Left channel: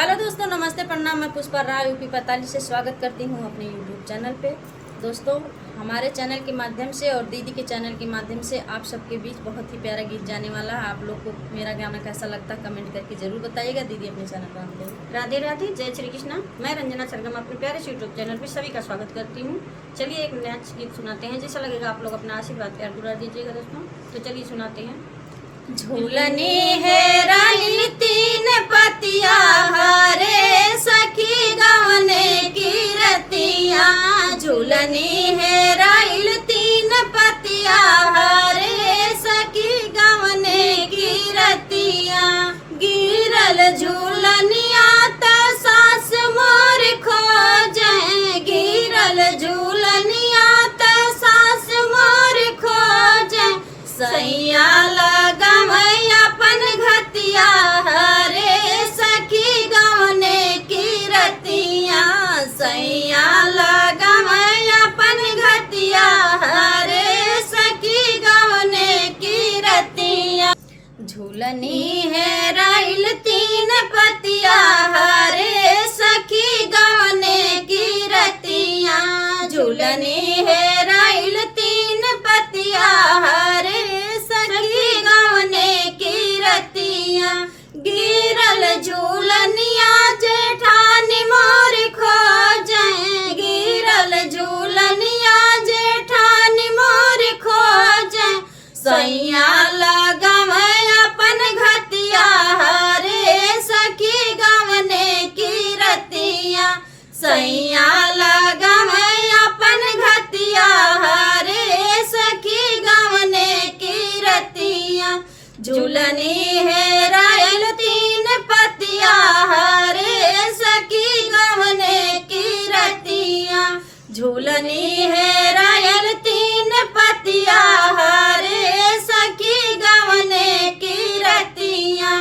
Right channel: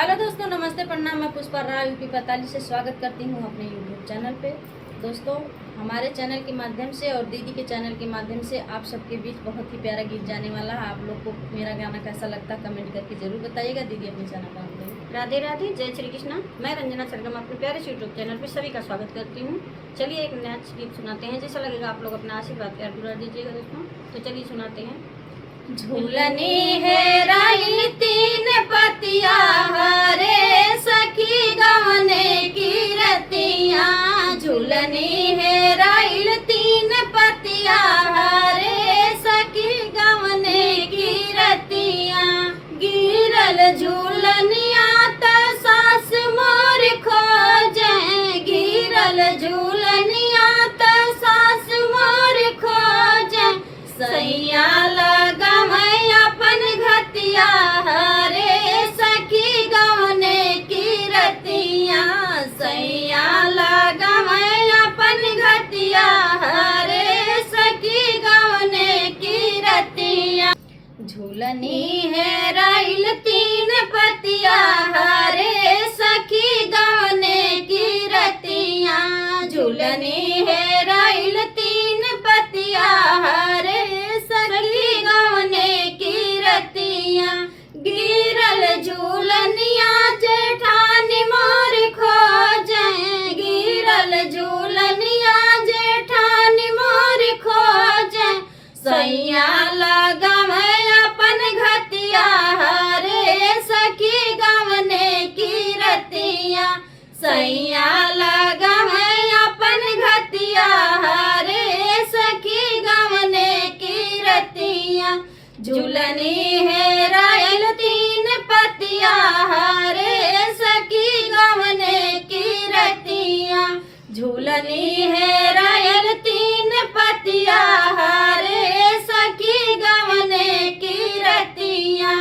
Hello दोस्तों, नमस्ते, प्रणाम। मैं पुष्पा राय यूपी 45 से स्वागत करती हूं अपने यूट्यूब चैनल पे। दोस्तों, हमारे चैनल के माध्यम से और दीदी के चैनल के माध्यम से आप सबके बीच बहुत ही प्यारा गीत जाने वाला है। आप लोग को मेरा गाना कैसा लगता है कमेंट करके जरूर बताइएगा। दीदी अपने चैनल पर आते। राधे राधे, जय श्री कृष्णा। मैं रंजना सरगम अपने प्यारे यूट्यूब चैनल पे सभी का स्वागत करती हूँ। चलिए एक नया गीत सुनाते हैं। जैसा लगेगा आप लोग अपना आशीर्वाद प्यार दुलार दीजिएगा दोस्तों। तो चलिए सुनाते हैं। झूलनी है राइन तीन पतिया हरे सखी गवने की रतिया। झूलनी है राइन तीन पतिया हरे सखी गवने की रतिया। गिरल झूलनिया तो सास मोर खोजे। गिरल झूलनिया तो सास मोर खोजे। सैया लगा अपन घतिया हरे सखी गवने की रतिया। सैया लगा अपन घतिया हरे सखी गवने की रतिया। झूलनी है राइल तीन पतिया हरे सखी गवने की रतिया। झूलनी है राइल तीन पतिया हरे सखी गवने की रतिया। गिरल झूलनिया जेठानी मोर खोजे। गिरल झूलनिया जेठानी मोर खोजे। सैया लगा अपन घतिया हरे सखी गवने की रतिया। सैया लगा अपन घतिया हरे सखी गवने की रतिया। झूलनी है रायल तीन पतिया हरे सखी गवने की रतिया। झूलनी है रायल तीन पतिया हरे सखी गवने की रतिया।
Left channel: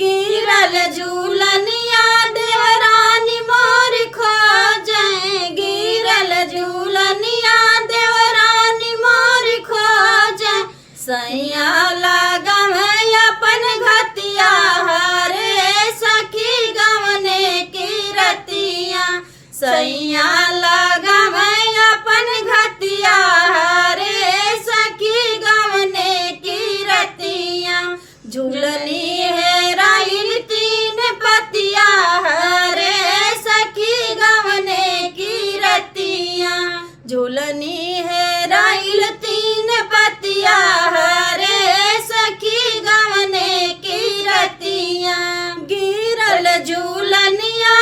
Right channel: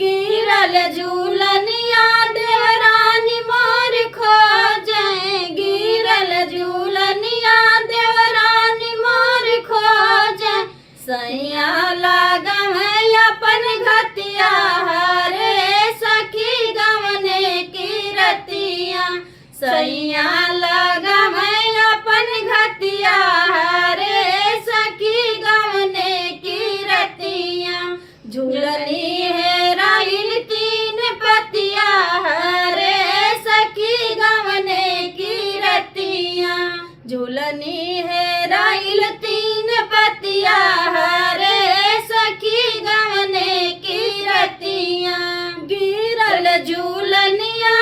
गिरल झूलनिया देवरानी मोर खोजे। गिरल झूलनिया देवरानी मोर खोजे। सैया लगा अपन घतिया हरे सखी गवने की रतिया। सैया लगा अपन घतिया हरे सखी गवने की रतिया। झूलनी है राइल तीन पतिया हरे सखी गवने की रतिया। झूलनी है राइल तीन पतिया हरे सखी गवने की रतिया। गिरल झूलनिया